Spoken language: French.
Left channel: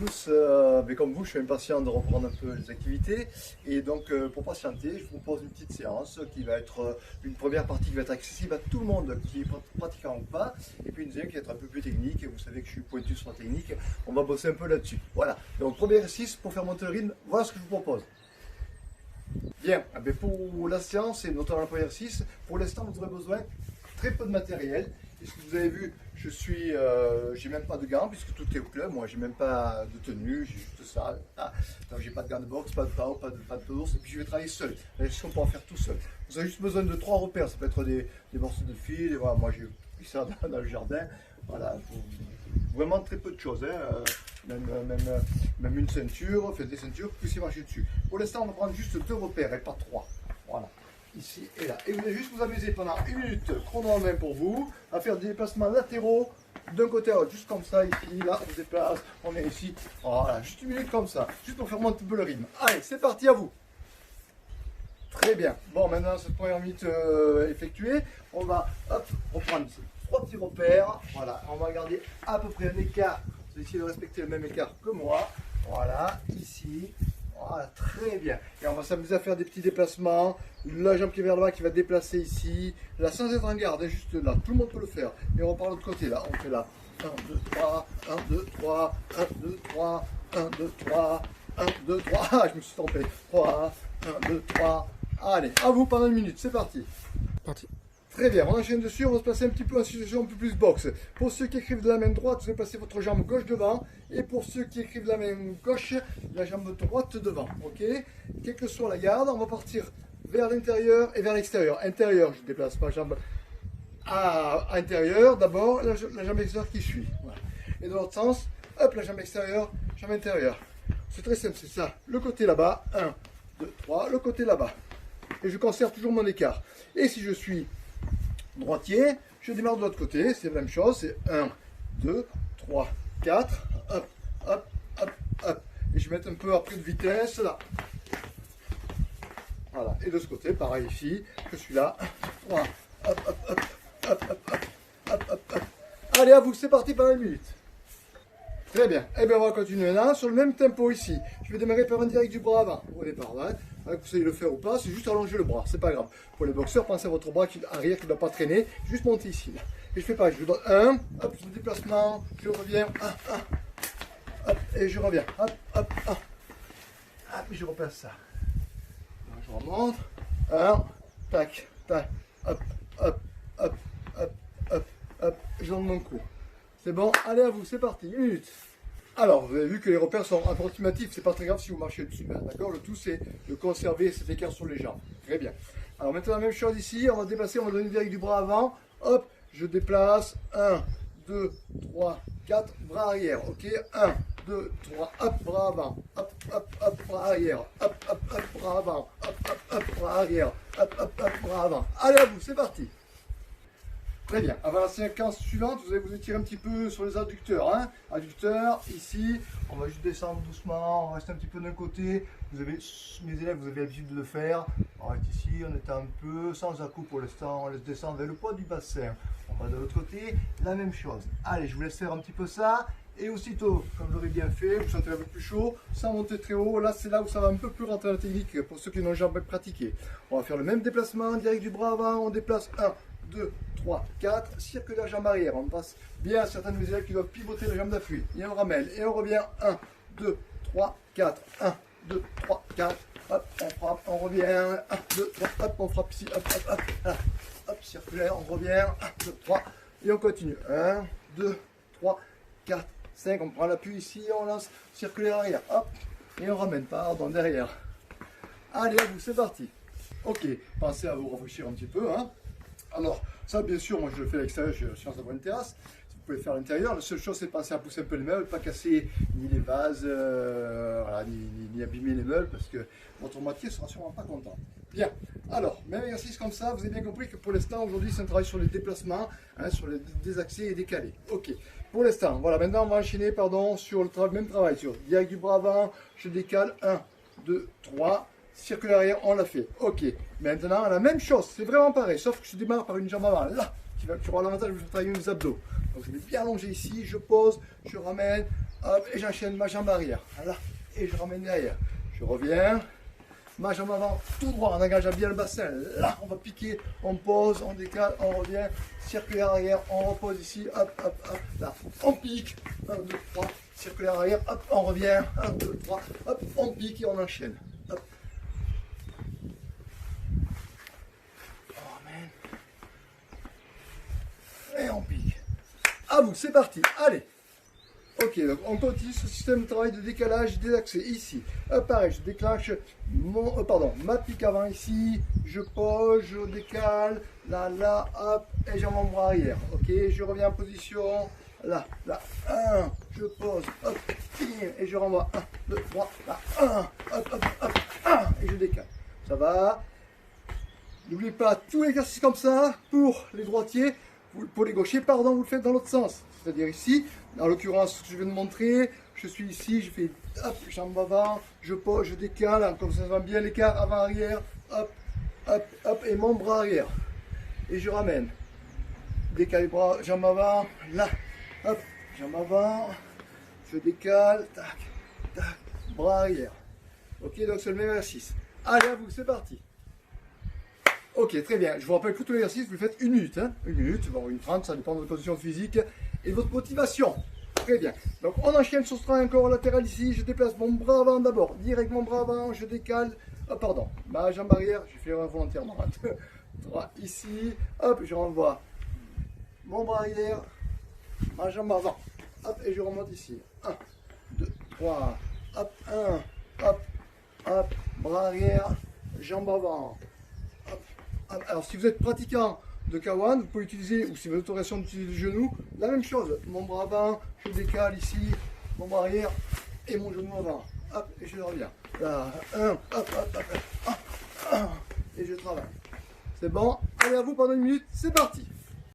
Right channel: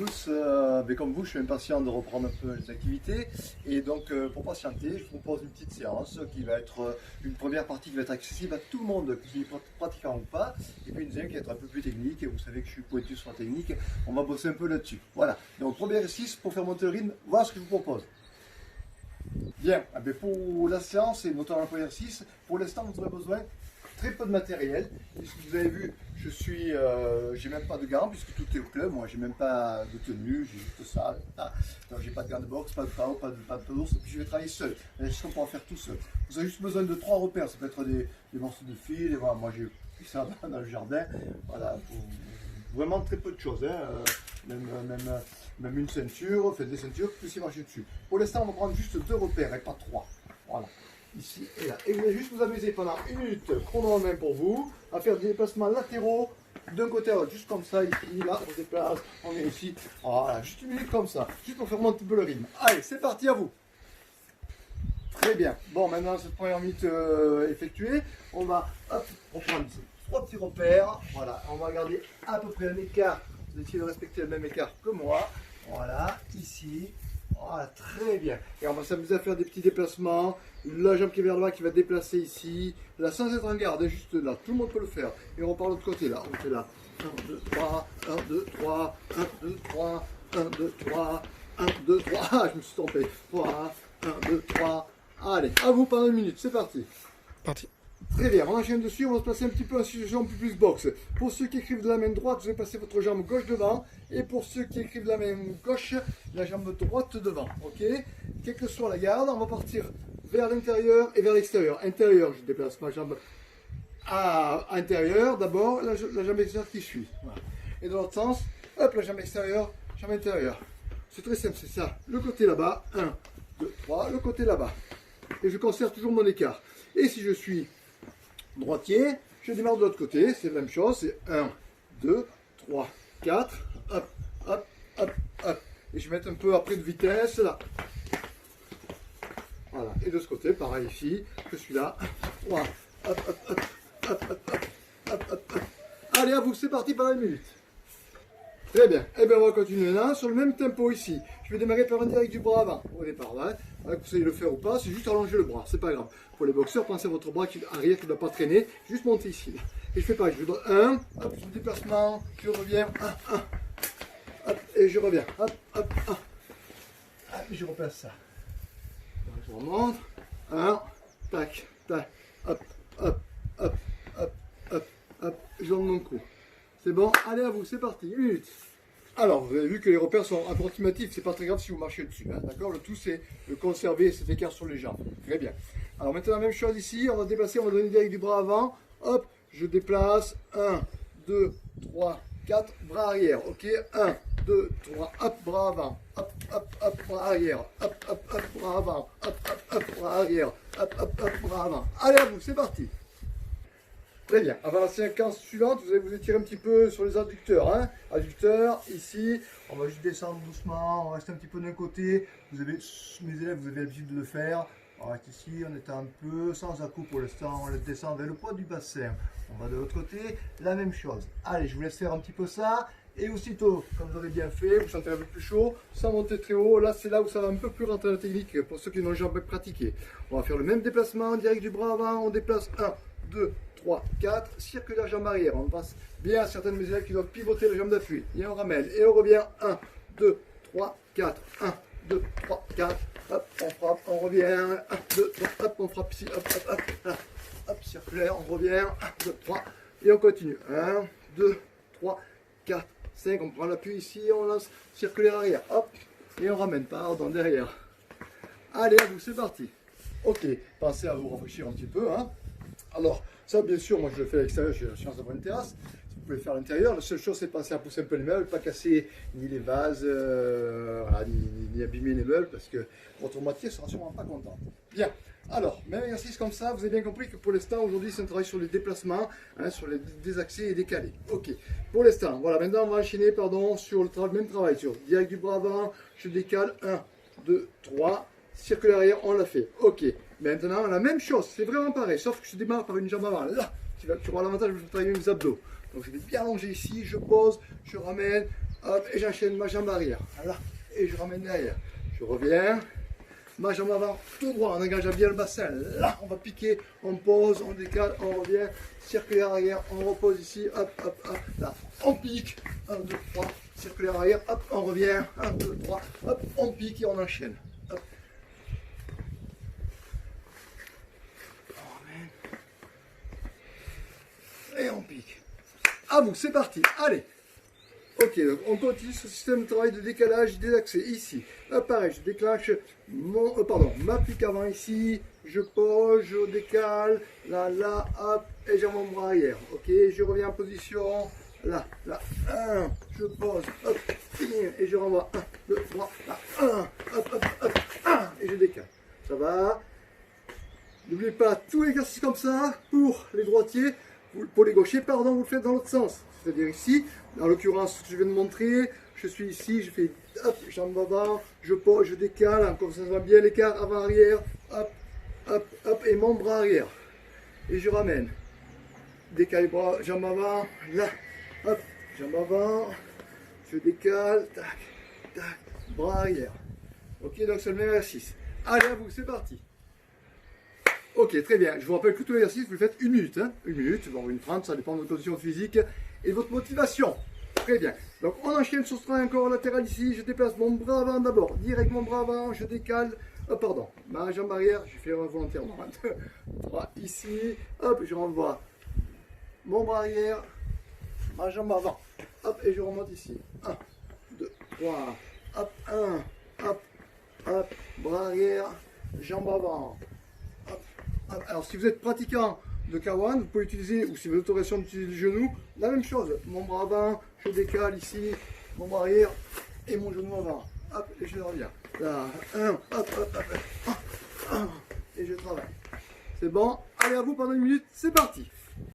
tous, mais comme vous, je suis impatient de reprendre un peu les activités. Et donc, pour patienter, je vous propose une petite séance qui va être une première partie qui va être accessible à tout le monde, qui est pratiquant ou pas. Et puis une deuxième qui va être un peu plus technique. Et vous savez que je suis pointu sur la technique. On va bosser un peu là-dessus. Voilà. Donc, premier exercice pour faire monter le rythme, voilà ce que je vous propose. Bien, pour la séance et notamment le premier exercice, pour l'instant, vous aurez besoin de très peu de matériel. Puisque vous avez vu, j'ai même pas de gants puisque tout est au club. Moi, j'ai même pas de tenue, j'ai juste ça. Ah. Donc, j'ai pas de gants de boxe, pas de PAO, pas de d'ours. Et puis, je vais travailler seul. Est-ce qu'on peut en faire tout seul? Vous avez juste besoin de 3 repères. Ça peut être des morceaux de fil. Voilà, moi, j'ai pris ça dans le jardin. Voilà, vraiment très peu de choses. Hein. Même une ceinture, des ceintures, que vous puissiez marcher dessus. Pour l'instant, on va prendre juste 2 repères et pas 3. Voilà. Ici et là. Et vous allez juste vous amuser pendant 1 minute, chrono en main pour vous, à faire des déplacements latéraux d'un côté à l'autre, juste comme ça, ici, là, on se déplace, on est ici, voilà, juste 1 minute comme ça, juste pour faire monter un peu le rythme. Allez, c'est parti, à vous. Très bien. Bon, maintenant, cette première minute effectuée, on va, hop, reprendre 3 petits repères, voilà, on va garder à peu près un écart, vous allez essayer de respecter le même écart que moi, voilà, ici. Voilà, très bien. Et on va s'amuser à faire des petits déplacements. La jambe qui est vers le bas qui va déplacer ici. Là, sans être en garde, juste là. Tout le monde peut le faire. Et on part de l'autre côté là. On fait là. 1, 2, 3, 1, 2, 3, 1, 2, 3, 1, 2, 3, 1, 2, 3. Ah, je me suis trompé. 3, 1, 2, 3. Allez, à vous pendant 1 minute. C'est parti. Parti. Très bien, on enchaîne dessus, on va se passer un petit peu en situation un peu plus boxe. Pour ceux qui écrivent de la main droite, vous allez passer votre jambe gauche devant. Et pour ceux qui écrivent de la main gauche, la jambe droite devant. Ok? Quelle que soit la garde, on va partir vers l'intérieur et vers l'extérieur. Intérieur, je déplace ma jambe à intérieur. D'abord, la jambe extérieure qui suit. Voilà. Et dans l'autre sens, hop, la jambe extérieure, jambe intérieure. C'est très simple, c'est ça. Le côté là-bas, 1, 2, 3, le côté là-bas. Et je conserve toujours mon écart. Et si je suis droitier, je démarre de l'autre côté, c'est la même chose, c'est 1, 2, 3, 4, hop, hop, hop, hop. Et je vais mettre un peu après de vitesse, là. Voilà, et de ce côté, pareil ici, je suis là, 3, hop, hop, hop, hop, hop, hop, hop, hop, hop. Allez, à vous, c'est parti pendant 1 minute. Très bien, et bien on va continuer là, sur le même tempo ici. Je vais démarrer par un direct du bras avant, au départ, là. Vous savez le faire ou pas, c'est juste allonger le bras, c'est pas grave. Pour les boxeurs, pensez à votre bras arrière qui ne doit pas traîner, juste monter ici. Là. Et je fais pas, je donne 1, hop, sur le déplacement, je reviens, 1, 1, hop, et je reviens, hop, hop, 1. Hop, et je repasse ça. Donc, je remonte, 1, tac, tac, hop, hop, hop, hop, hop, hop, et je donne mon coup. C'est bon, allez à vous, c'est parti, 1 minute. Alors, vous avez vu que les repères sont approximatifs, c'est pas très grave si vous marchez dessus, d'accord? Le tout, c'est de conserver cet écart sur les jambes. Très bien. Alors maintenant, la même chose ici, on va déplacer, on va donner direct du bras avant. Hop, je déplace, 1, 2, 3, 4, bras arrière, ok? 1, 2, 3, hop, bras avant, hop, hop, hop, bras arrière, hop, hop, hop, bras avant, hop, hop, hop, bras arrière, hop, hop, hop, bras avant. Allez à vous, c'est parti. Très bien. Avant la séquence suivante, vous allez vous étirer un petit peu sur les adducteurs. Hein. Adducteurs, ici, on va juste descendre doucement, on reste un petit peu d'un côté. Vous avez, mes élèves, vous avez l'habitude de le faire. On reste ici, on est un peu sans à-coup pour l'instant, on descend vers le poids du bassin. On va de l'autre côté, la même chose. Allez, je vous laisse faire un petit peu ça. Et aussitôt, comme vous l'aurez bien fait, vous sentez un peu plus chaud, sans monter très haut. Là, c'est là où ça va un peu plus rentrer dans la technique pour ceux qui n'ont jamais pratiqué. On va faire le même déplacement, direct du bras avant, on déplace 1, 2, 3, 4, circule la jambe arrière. On pense bien à certaines de mes élèves qui doivent pivoter la jambe d'appui. Et on ramène. Et on revient. 1, 2, 3, 4. 1, 2, 3, 4. Hop, on frappe, on revient. 1, 2, 3, hop, on frappe ici. Hop, hop, hop. Hop, circulaire, on revient. 1, 2, 3. Et on continue. 1, 2, 3, 4, 5. On prend l'appui ici. On lance circulaire arrière. Hop. Et on ramène. Pardon, derrière. Allez, à vous, c'est parti. Ok, pensez à vous réfléchir un petit peu. Hein. Alors, ça, bien sûr, moi je le fais à l'extérieur, j'ai la science d'avoir une terrasse. Vous pouvez le faire à l'intérieur. La seule chose, c'est penser à pousser un peu les meubles, pas casser ni les vases, voilà, ni abîmer les meubles, parce que votre moitié ne sera sûrement pas content. Bien. Alors, même exercice comme ça, vous avez bien compris que pour l'instant, aujourd'hui, c'est un travail sur les déplacements, hein, sur les désaxés et décalés. Ok. Pour l'instant, voilà, maintenant, on va enchaîner, pardon, sur le même travail, sur direct du bras avant, je décale, 1, 2, 3. Circulaire arrière, on l'a fait. Ok. Maintenant, la même chose, c'est vraiment pareil, sauf que je démarre par une jambe avant, là, tu auras l'avantage de travailler mes abdos. Donc, je vais bien allonger ici, je pose, je ramène, hop, et j'enchaîne ma jambe arrière, là, et je ramène derrière. Je reviens, ma jambe avant, tout droit, en engageant bien le bassin. Là, on va piquer, on pose, on décale, on revient, circulaire arrière, on repose ici, hop, hop, hop, là, on pique, 1, 2, 3, circulaire arrière, hop, on revient, 1, 2, 3, hop, on pique et on enchaîne. Hop. On ramène. Et on pique. À vous, c'est parti, allez. Ok, donc on continue ce système de travail de décalage des accès. Ici, pareil, je déclenche ma pique avant ici, je pose, je décale, là, hop, et j'ai mon bras arrière. Ok, je reviens en position, là, 1, je pose, hop, et je renvoie, 1, 2, 3, là, 1, hop, 1, et je décale. Ça va? N'oubliez pas, tout l'exercice comme ça, pour les droitiers, pour les gauchers, pardon, vous le faites dans l'autre sens. C'est-à-dire ici, en l'occurrence, ce que je viens de montrer, je suis ici, je fais hop, jambe avant, je pose, je décale, comme ça va bien l'écart avant-arrière, hop, hop, hop, et mon bras arrière. Et je ramène. Décale les bras, jambe avant, là, hop, jambe avant, je décale, tac, tac, bras arrière. Ok, donc c'est le même exercice. Allez, à vous, c'est parti. Ok, très bien. Je vous rappelle que tout l'exercice, vous le faites 1 minute. Hein, 1 minute, bon, 1:30, ça dépend de votre condition physique et de votre motivation. Très bien. Donc, on enchaîne sur ce travail encore latéral ici. Je déplace mon bras avant d'abord. Direct mon bras avant, je décale. Oh, pardon, ma jambe arrière, je fais volontairement. 1, 2, 3, ici. Hop, je renvoie mon bras arrière, ma jambe avant. Hop, et je remonte ici. 1, 2, 3. Hop, 1, hop, hop, bras arrière, jambe avant. Alors, si vous êtes pratiquant de K1, vous pouvez utiliser, ou si vous êtes autorisation d'utiliser le genou, la même chose. Mon bras avant, je décale ici, mon bras arrière et mon genou avant. Hop, et je reviens. Là, 1, hop, hop, hop, et je travaille. C'est bon, allez à vous pendant 1 minute, c'est parti.